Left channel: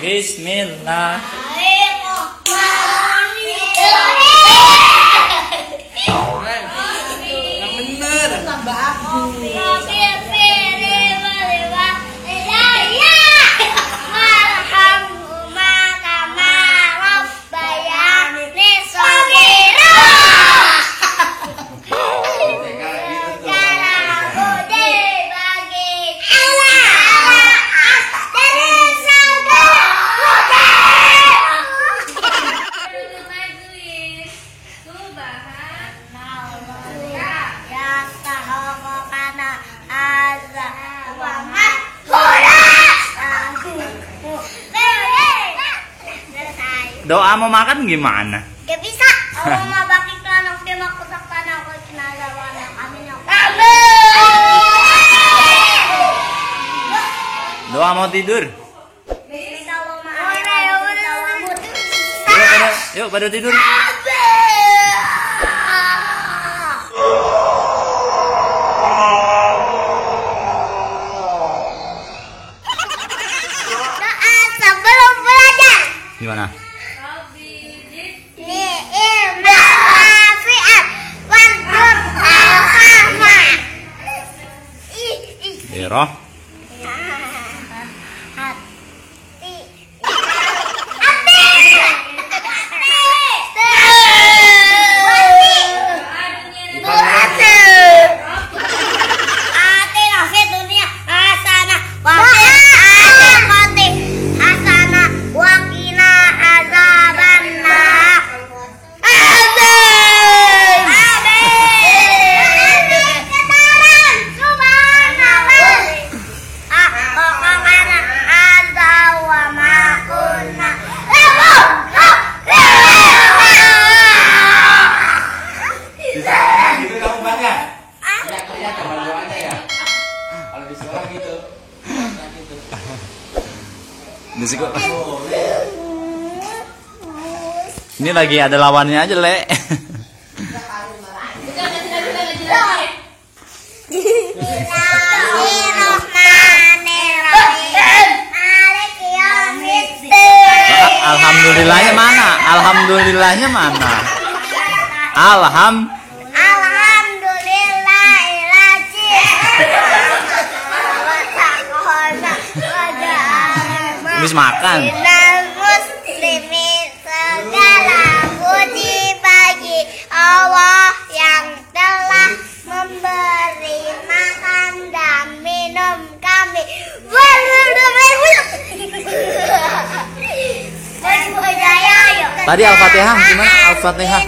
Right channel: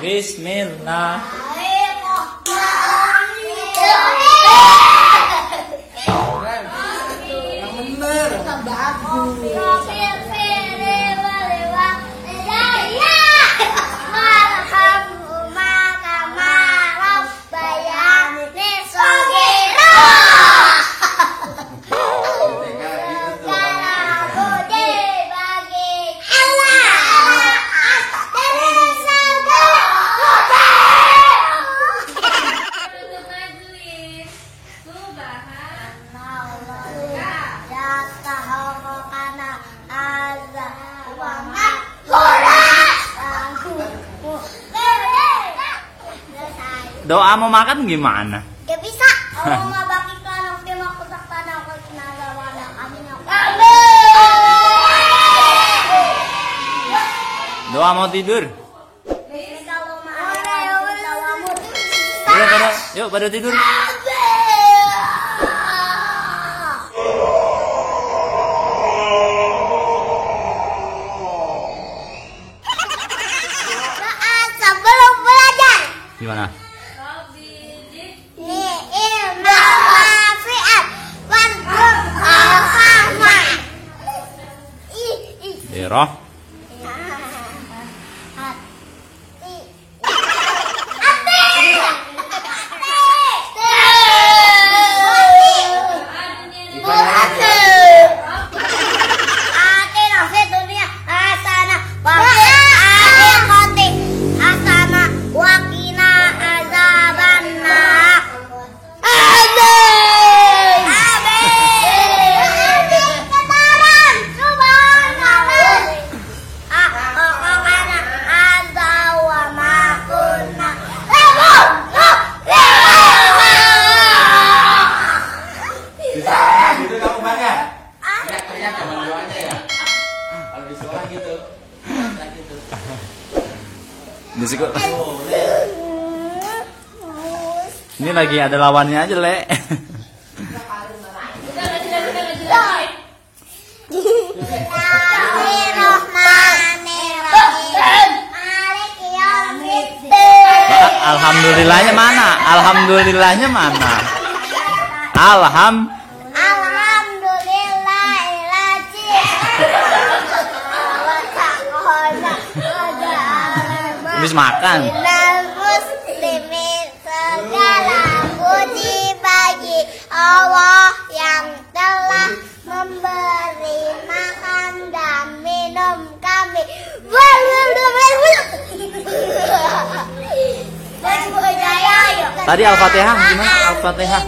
Bismillah. Doa mau makan gimana? Gak bisa. Kalau mau bagi tanah, dia mau kotak tanah, aku kena warna kami yang. Doa mau tidur. Yuk pada tidur. Doa sebelum belajar. Gimana? Roh. Ini lagi ada lawannya aja, Le. Alhamdulillahnya mana? Alhamdulillahnya mana? Habis makan. Segala puji bagi Allah yang telah memberi makan dan minum kami. Tadi Al-Fatihah gimana? Al-Fatihah.